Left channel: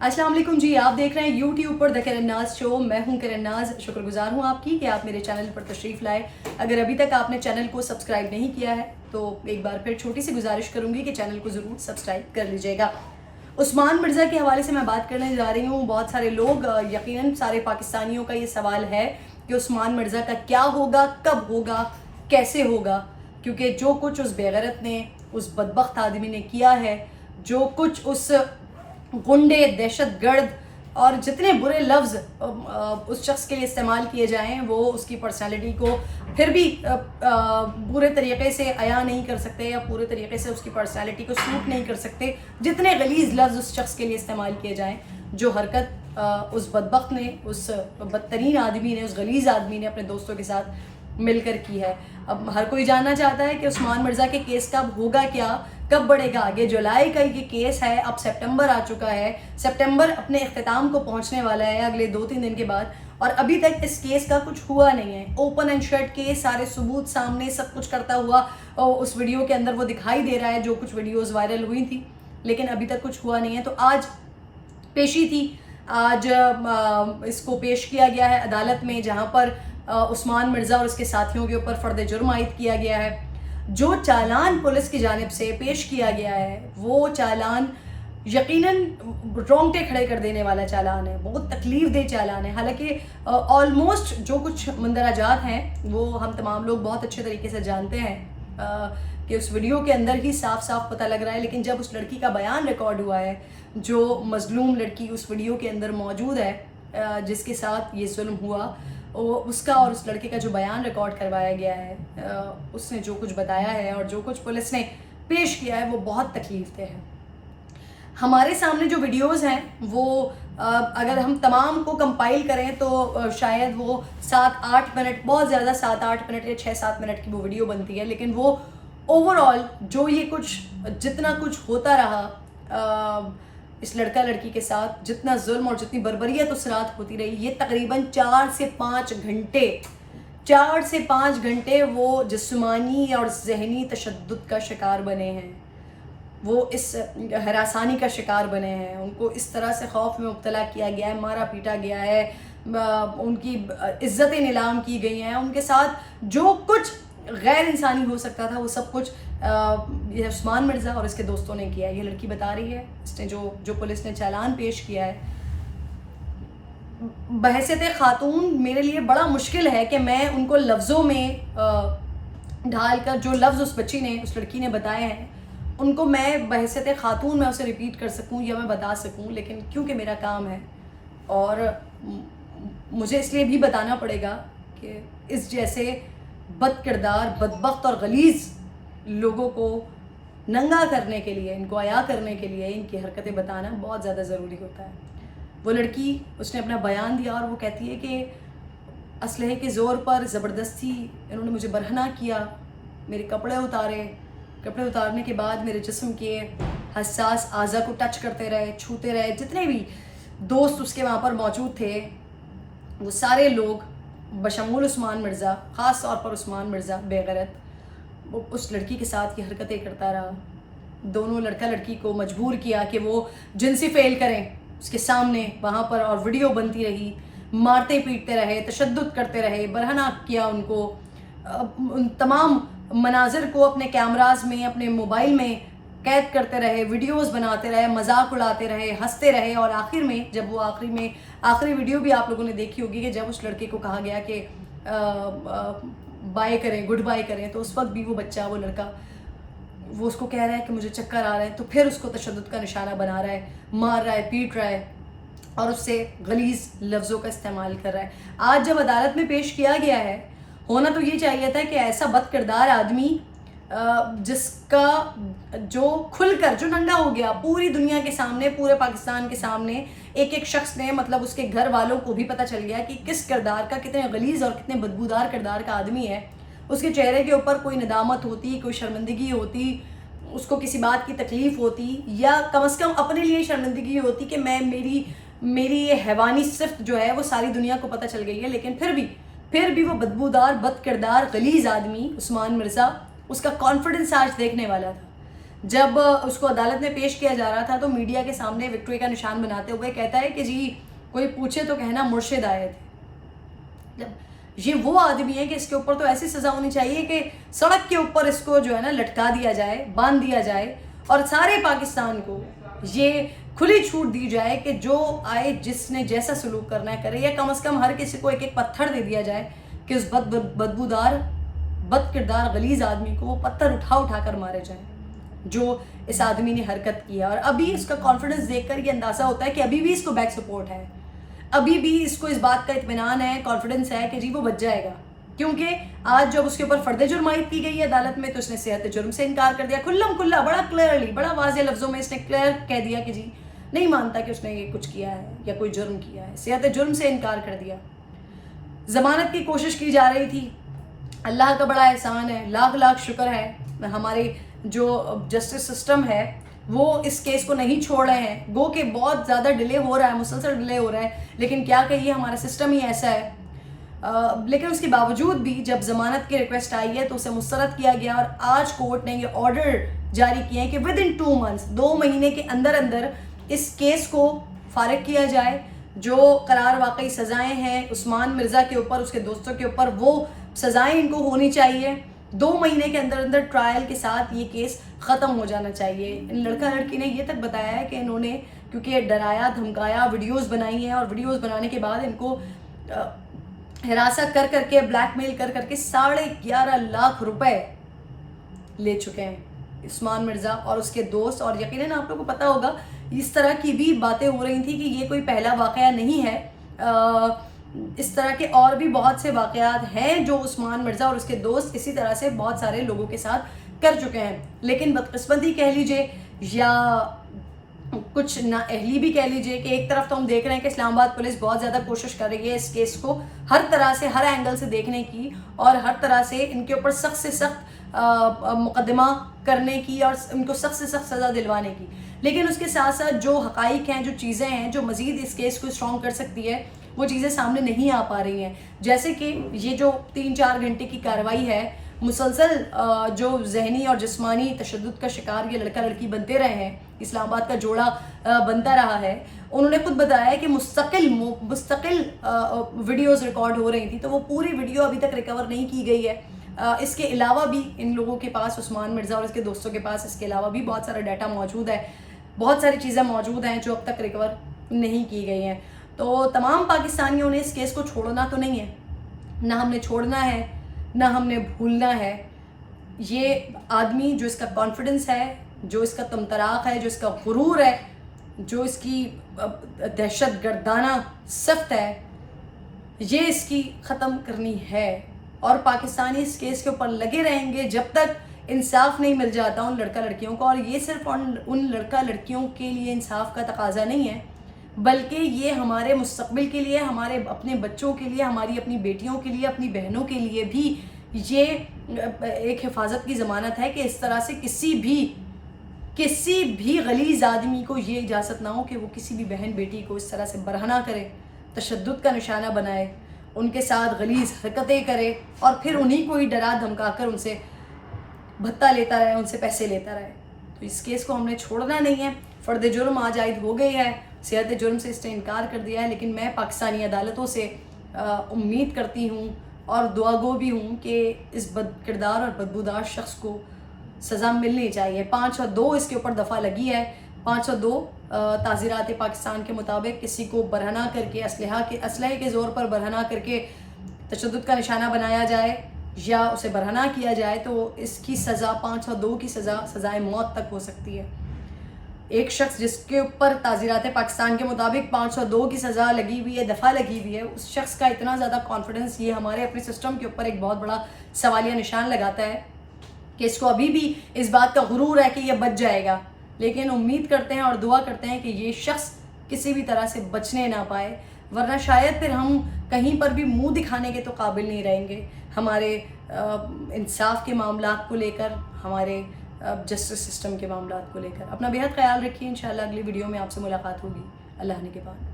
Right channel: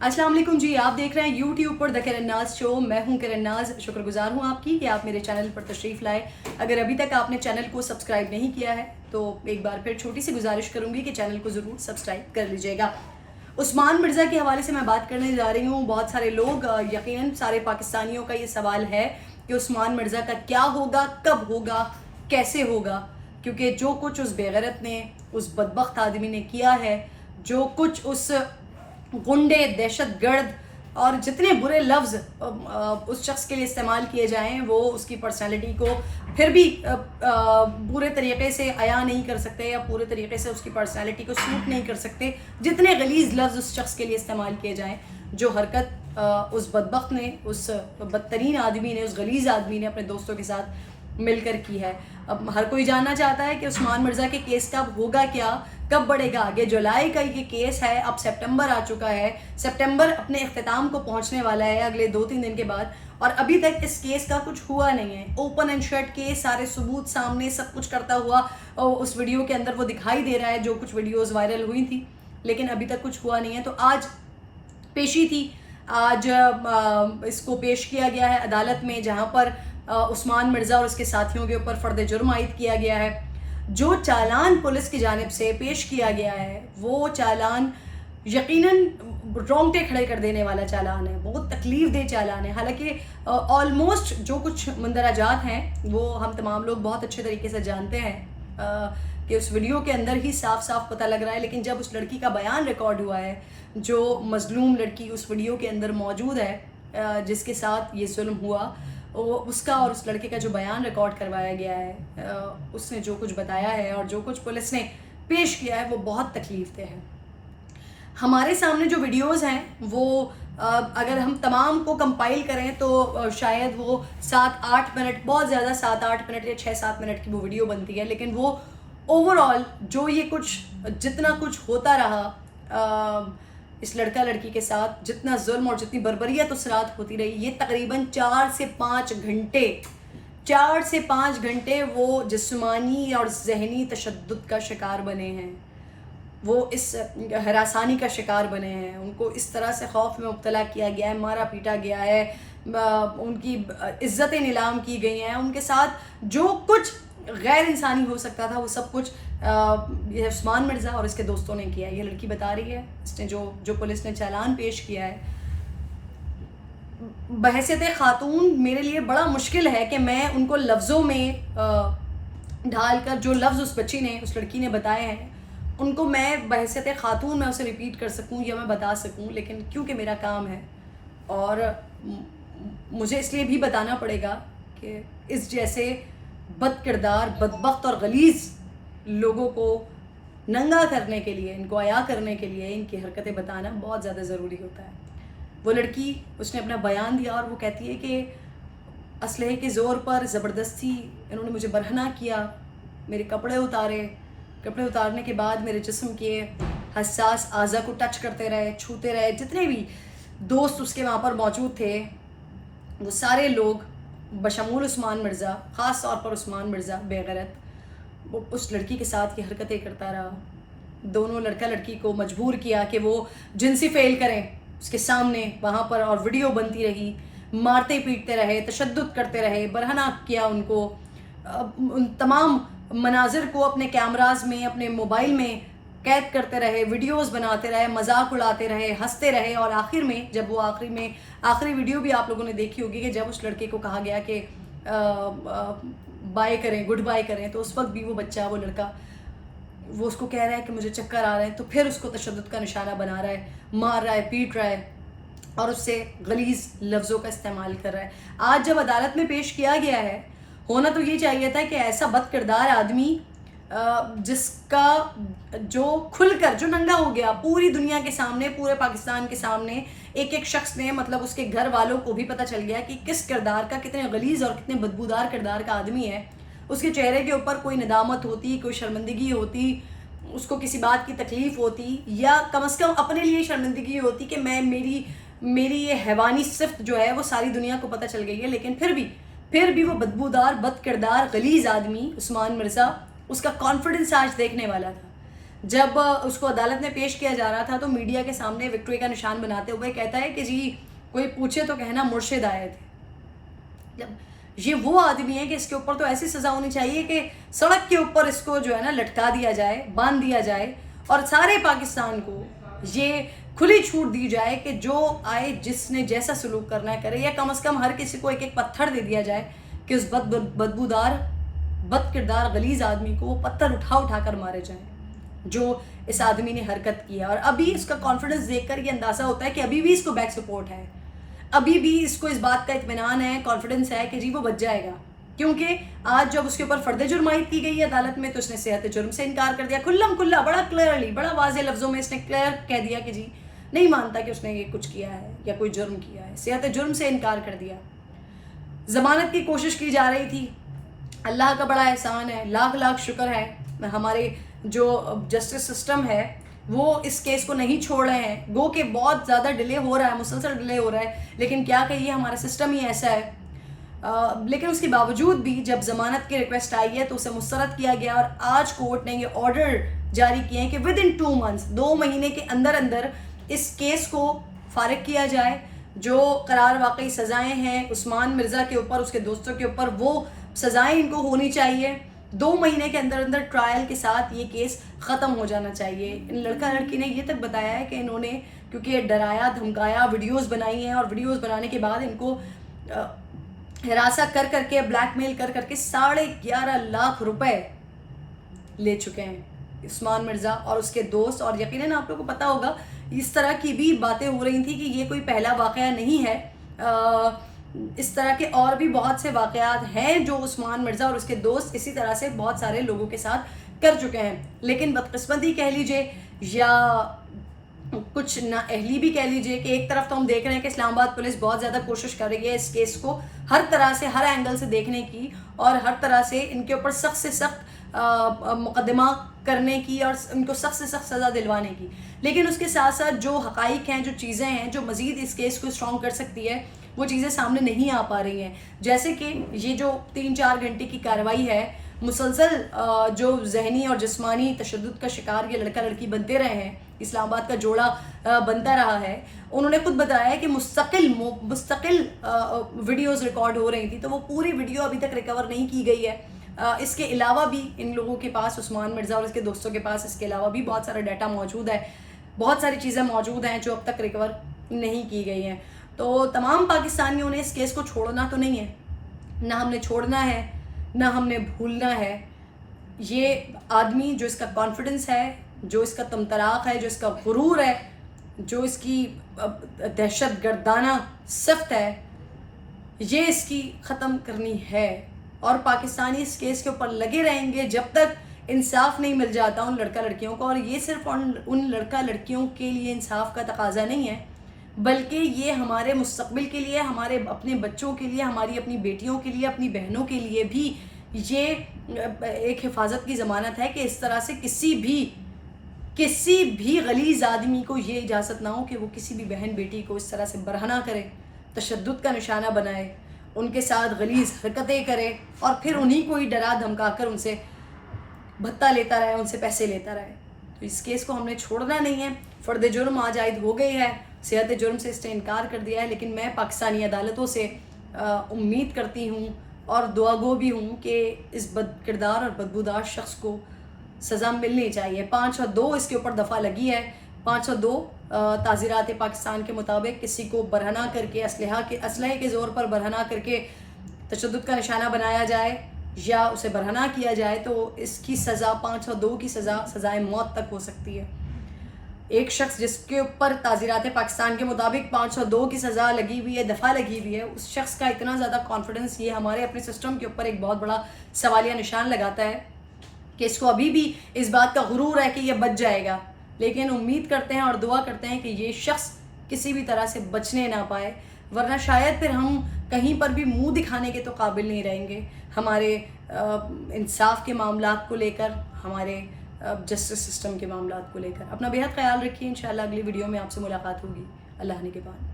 السلام علیکم جی، آپ دیکھ رہے ہیں یوٹیوب پر دا کرن ناز شو. میں ہوں کرن ناز. شکر گزار ہوں آپ کی کہ آپ میرے چینل پر تشریف لائے. اگر ابھی تک آپ نے چینل کو سبسکرائب نہیں کیا ہے تو ایک بار پھر چھوٹی سی گزارش کروں گی کہ چینل کو ضرور سبسکرائب کر لیجئے گا. عثمان مرزا کے حوالے سے میں بات کرنے جا رہی ہوں. بہت سارے لوگ، یقیناً سارے پاکستانیوں کا یہ سوال ہے کہ عثمان مرزا کا کیا ہوگا، کب ہوگا، کیسے ہوگا. کیونکہ جو کچھ اس بے غیرت نے، اس بدبخت آدمی نے کیا ہے، جو کچھ اس غنڈے، دہشت گرد اور جتنے برے لفظ اس شخص کے لیے استعمال کیے جائیں، وہ اس کی پرسنالٹی کو پھر بھی پورے طریقے سے عیاں نہیں کر سکتے یا پورے طریقے سے اس کی پرسنالٹی کو سوٹ نہیں کر سکتے. جتنے غلیظ لفظ اس شخص کے لیے استعمال کیے جائیں، جو حرکت اس بدبخت نے، اس بدترین آدمی نے، اس غلیظ آدمی نے اپنے دوستوں کے ساتھ مل کر کی ہے. اب ہر کوئی جاننا چاہتا ہے کہ عثمان مرزا کے کیس کا اب ہوگا کیا، کب بڑھے گا آگے. جولائی کا یہ کیس ہے، اب سپٹمبر آ چکا ہے. سپٹمبر اپنے اختتام کو پہنچنے والا ہے اگلے 2-3 دن کے بعد، اور ابھی تک اس کیس کا کچھ ہوا نہیں ہے. اوپن اینڈ شٹ کیس، سارے ثبوت سامنے، سب کچھ کرتا ہوا اس ویڈیو کے اندر وہ دکھائی دے رہا ہے، جو کچھ ویڈیوز وائرل ہوئی تھی، لیکن ابھی تک کچھ ہوا نہیں ہے. تو آج پیشی تھی، آج اس کو پیش کیا گیا ہے عدالت میں، جہاں پر عثمان مرزا اور اس کے ساتھیوں کے اوپر فرد جرم عائد کیا گیا ہے. جو چالان پولیس کی جانب سے پیش کیا گیا ہے، وہ چالان یقیناً رونگٹے کھڑے کر دینے والا چالان ہے، بہت تکلیف دہ چالان ہے. حالانکہ آلموسٹ جو کچھ مندرجات ہیں وہ ہم تمام لوگ بہت اچھے طریقے سے جانتے ہیں کہ اس ویڈیو کے اندر ہی صاف صاف پتہ لگ رہا ہے. لیکن جب اس لڑکی کا بیان ریکارڈ ہوا ہے، جو مظلوم لڑکی اس ویڈیو کے اندر موجود ہے، جس کے ساتھ یہ ظلم ہوا، اس کا اور اس لڑکے کا جو بیان ریکارڈ کروایا گیا ہے، اس نے جو کچھ بتایا ہے اور جو کچھ پولیس نے پیش کیا ہے، وہ بہت تکلیف دہ ہے. ہمارے سامنے جو ویڈیوز ہیں وہ اگر ہم تمام کو کمپائل کریں تو شاید وہ 7-8 منٹ، بہت زیادہ 7-8 منٹ یا 6-7 منٹ کی وہ ویڈیو بنتی ہے. لیکن وہ اوور آل جو یہ کچھ جتنا کچھ ہوتا رہا اس لڑکا لڑکی کے ساتھ، جتنا ظلم اور جتنی بربریت اس رات ہوتی رہی، یہ تقریباً 4 سے 5 گھنٹے وہ جسمانی اور ذہنی تشدد کا شکار بنے ہیں. وہ اس ہراسانی کا شکار بنے ہیں. ان کو اس طرح سے خوف میں مبتلا کیا گیا ہے، مارا پیٹا گیا ہے، ان کی عزتیں نیلام کی گئی ہیں. ان کے ساتھ جو کچھ غیر انسانی ہو سکتا تھا، وہ سب کچھ یہ عثمان مرزا اور اس کے دوستوں نے کیا ہے. یہ لڑکی بتا رہی ہے، اس نے جو پولیس نے چالان پیش کیا ہے. بحیثیت خاتون میرے لیے بڑا مشکل ہے کہ میں ان کو لفظوں میں ڈھال کر، جو لفظ اس بچی نے، اس لڑکی نے بتائے ہیں، ان کو میں بحیثیت خاتون میں اسے ریپیٹ کر سکوں یا میں بتا سکوں. لیکن کیونکہ میرا کام ہے اور مجھے اس لیے بھی بتانا پڑے گا کہ اس جیسے بد کردار، بدبخت اور غلیظ لوگوں کو ننگا کرنے کے لیے، ان کو عیاں کرنے کے لیے ان کی حرکتیں بتانا بہت زیادہ ضروری ہوتا ہے. وہ لڑکی، اس نے اپنا بیان دیا اور وہ کہتی ہے کہ اسلحے کے زور پر زبردستی انہوں نے مجھے برہنہ کیا، میرے کپڑے اتارے. کپڑے اتارنے کے بعد میرے جسم کے حساس اعضاء کو ٹچ کرتے رہے، چھوتے رہے. جتنے بھی دوست اس کے وہاں پر موجود تھے، وہ سارے لوگ بشمول عثمان مرزا، خاص طور پر عثمان مرزا بے غیرت، وہ اس لڑکی کے ساتھ یہ حرکتیں کرتا رہا. دونوں لڑکا لڑکی کو مجبور کیا کہ وہ جنسی فعل کریں اس کے سامنے وہاں پر، اور ویڈیو بنتی رہی. مارتے پیٹتے رہے، تشدد کرتے رہے، برہنہ کیا ان کو. ان تمام مناظر کو اپنے کیمراز میں، اپنے موبائل میں قید کرتے رہے، ویڈیوز بناتے رہے، مذاق اڑاتے رہے، ہنستے رہے. اور آخر میں جب وہ آخری ویڈیو بھی آپ لوگوں نے دیکھی ہوگی کہ جب اس لڑکے کو کہا گیا کہ بائے کریں، گڈ بائے کریں، تو اس وقت بھی وہ بچہ، وہ لڑکا، وہ اس کو کہہ رہا ہے کہ مجھے چکر آ رہا ہے. تو پھر اس کو تشدد کا نشانہ بنا رہا ہے، مار رہا ہے، پیٹ رہا ہے اور اس سے غلیظ لفظوں کا استعمال کر رہا ہے. آج جب عدالت میں پیش کیا گیا ہے، ہونا تو یہ چاہیے تھا کہ ایسا بد کردار آدمی، جس کا جو کھل کر، جو ننگا ہو گیا پوری دنیا کے سامنے، پورے پاکستان کے سامنے، ایک شخص نے، مطلب اس کے گھر والوں کو بھی پتہ چل گیا کہ کس کردار کا، کتنے غلیظ اور کتنے بدبودار کردار کا آدمی ہے. اس کے چہرے کے اوپر کوئی ندامت ہوتی، کوئی شرمندگی ہوتی، اس کو کسی بات کی تکلیف ہوتی، یا کم از کم اپنے لیے شرمندگی ہوتی کہ میری یہ حیوانی صفت جو ہے وہ ساری دنیا کو پتہ چل گئی ہے. لیکن پھر بھی وہ بدبودار، بد کردار، غلیظ آدمی عثمان مرزا، اس کا کانفیڈنس آج دیکھنے والا تھا. جب اس کو عدالت میں پیش کیا جا رہا تھا تو میڈیا کے سامنے وکٹوری کا نشان بناتے ہوئے کہتا ہے کہ جی کوئی پوچھے تو کہنا مرشد آئے تھے. یہ وہ آدمی ہے کہ اس کے اوپر تو ایسی سزا ہونی چاہیے کہ سڑک کے اوپر اس کو جو ہے نا لٹکا دیا جائے, باندھ دیا جائے, اور سارے پاکستان کو یہ کھلی چھوٹ دی جائے کہ جو آئے جس نے جیسا سلوک کرنا ہے کرے, یا کم از کم ہر کسی کو ایک ایک پتھر دے دیا جائے کہ اس بدبودار بد کردار غلیظ آدمی کو وہ پتھر اٹھا کر مارے جائیں جو اس آدمی نے حرکت کی ہے. اور ابھی اس کا کانفیڈنس دیکھ کر یہ اندازہ ہوتا ہے کہ ابھی بھی اس کو بیک سپورٹ ہے, ابھی بھی اس کو اس بات کا اطمینان ہے, کانفیڈنس ہے کہ جی وہ بچ جائے گا. کیونکہ آج جب اس کے اوپر فرد جرم عائد کی گئی ہے عدالت میں تو اس نے صحت جرم سے انکار کر دیا, کھلم کھلا, بڑا کلیئرلی, بڑا واضح لفظوں میں اس نے کلیئر کہہ دیا کہ جی نہیں مانتا کہ اس نے یہ کچھ کیا ہے یا کوئی جرم کیا ہے, صحت جرم سے انکار کر دیا. ضمانت کی کوشش کی جا رہی تھی, اللہ کا بڑا احسان ہے, لاکھ لاکھ شکر ہے, ہمارے جو جسٹس سسٹم ہے وہ اس کیس کو نہیں چھوڑ رہے ہیں. گو کہ بہت زیادہ ڈیلے ہو رہا ہے, مسلسل ڈیلے ہو رہا ہے, لیکن کیا کہیے ہمارا سسٹم ہی ایسا ہے. لیکن اس کے باوجود بھی جب ضمانت کی ریکویسٹ آئی ہے تو اسے مسترد کیا گیا, اور آج کورٹ نے یہ آرڈر جاری کیے ہیں کہ ود ان 2 months, 2 مہینے کے اندر اندر اس کیس کو فارغ کیا جائے. جو قرار واقعی سزائیں ہیں عثمان مرزا کے اوپر, اس کے دوستوں کے اوپر, وہ سزائیں ان کو ہونی چاہیے. 2 مہینے کے اندر اندر ٹرائل کے ساتھ یہ کیس ختم ہو جانا چاہیے. لڑکا لڑکی نے یہ تک بتایا ہے کہ انہوں نے کیونکہ ڈرایا دھمکایا, ویڈیوز بنائی ہیں, اور ویڈیوز بنانے کے بعد ان کو حراست کر کے بلیک میل کر کے 11.5 لاکھ روپے لے چکے ہیں عثمان مرزا اور اس کے دوست. اور یقیناً آپ لوگوں کو پتا ہوگا اس طرح کی بھی باتیں ہو رہی تھیں کہ یہ کوئی پہلا واقعہ نہیں ہے, اس طرح کے اور بھی بہت سے واقعات ہیں جو عثمان مرزا اور اس کے دوست اسی طرح سے بہت سارے لوگوں کے ساتھ کر چکے ہیں. لیکن بدقسمتی کہہ لیجئے یا کچھ نااہلی بھی کہہ لیجئے کہ ایک طرف تو ہم دیکھ رہے ہیں کہ اسلام آباد پولیس بہت زیادہ کوشش کر رہی ہے اس کیس کو ہر طرح سے, ہر اینگل سے دیکھنے کی, اور ہر طرح سے ان کے اوپر سخت سے سخت مقدمہ کرنے کی اور ان کو سخت سے سخت سزا دلوانے کی. لیکن اس کے ساتھ ساتھ جو حقائق ہیں, جو چیزیں ہیں جو مزید اس کیس کو اسٹرانگ کر سکتی ہے, وہ چیزیں سامنے نہیں آ پا رہی ہیں. جیسے کہ یہ جو 3-4 گھنٹے کی کارروائی ہے, مسلسل جو ذہنی اور جسمانی تشدد کا شکار یہ لڑکا لڑکی بنتے رہے ہیں, اسلام آباد کا جوڑا بنتا رہا ہے. انہوں نے خود بتایا ہے کہ مستقل ویڈیوز ریکارڈ ہو رہی تھی, تو وہ پوری ویڈیو ابھی تک ریکور نہیں کی گئی ہے. اس کے علاوہ بھی ان لوگوں کے پاس, عثمان مرزا اور اس کے دوستوں کے پاس, اس کے علاوہ بھی بہت سارا ڈیٹا موجود ہے, بہت ساری چیزیں موجود ہیں جو اب تک ریکور نہیں کی گئی ہیں. تو تمام پاکستانیوں نے اس کیس کو چھوڑنا تو نہیں ہے, نہ ہم نے چھوڑنا ہے نہ ہم نے بھولنا ہے. یہ آدمی جو اس کا کانفیڈنس ہے, جو اس کا تمطراق ہے, جو اس کا غرور ہے, جو اس کی دہشت گردانہ صفت ہے, یہ اس کی ختم کرنی ہے. اور پاکستانی اس کیس کے اوپر لگے رہیں گے جب تک انصاف نہیں مل جاتا ان لڑکا لڑکیوں کو. اور یہ صرف ان لڑکا لڑکیوں کے لیے انصاف کا تقاضا نہیں ہے, بلکہ یہ ہمارے مستقبل کے لیے, ہمارے اپنے بچوں کے لیے, ہماری اپنی بیٹیوں کے لیے, اپنی بہنوں کے لیے بھی یہ ایک حفاظت کی ضمانت ہے کہ اس طرح سے کسی بھی غلیظ آدمی کو یہ اجازت نہ ہو کہ وہ کسی بھی بہن بیٹی کو اس طرح سے برہنہ کرے, تشدد کا نشانہ بنائے, ان کے ساتھ غلیظ حرکتیں کرے, اور پھر انہی کو ہی ڈرا دھمکا کر ان سے بھتہ لیتا رہے, ان سے پیسے لیتا رہے. تو اس کیس کو ہم نے چھوڑنا نہیں ہے. فرد جرم آج عائد ہو گئی ہے, صحت جرم سے اس نے انکار کر دیا ہے, لیکن میں پاکستانی عدالتوں سے امید کرتی ہوں اور دعا گو بھی ہوں کہ اس بد کردار اور بدبودار شخص کو سزا ملنی چاہیے. 502 اس کے اوپر دفعہ لگی ہے. 502 تعزیرات پاکستان کے مطابق کسی کو برہنہ کر کے اسلحے کے زور پر برہنہ کر کے تشدد کا نشانہ بنایا جائے یا اسے برہنہ کیا جائے تو اس کی سزا 502 کی سزائے موت تک ہو سکتی ہے. ایک شخص جس کے اوپر تعزیرات پاکستان کے مطابق 502 کی سزا لگی ہوئی ہے, دفعہ لگی ہوئی ہے, اس شخص کا اتنا زیادہ کانفیڈنس یہ ہمارے اپنے سسٹم کے اوپر ایک بہت بڑا سوالیہ نشان لگاتا ہے کہ اس کو ابھی بھی اس بات کا غرور ہے کہ یہ بچ جائے گا. لیکن امید کرتے ہیں اور دعا کرتے ہیں کہ یہ شخص کسی بھی طرح سے بچنے نہ پائے, ورنہ شاید پھر ہم کہیں پر بھی منہ دکھانے کے تو قابل نہیں رہیں گے ہمارے انصاف کے معاملات کو لے کر, ہمارے جسٹس سسٹم کے معاملات کو لے کر. اپنا بہت خیال رکھیے. انشاءاللہ اگلی ویڈیو میں آپ سے ملاقات ہوگی. اللہ نگہبان.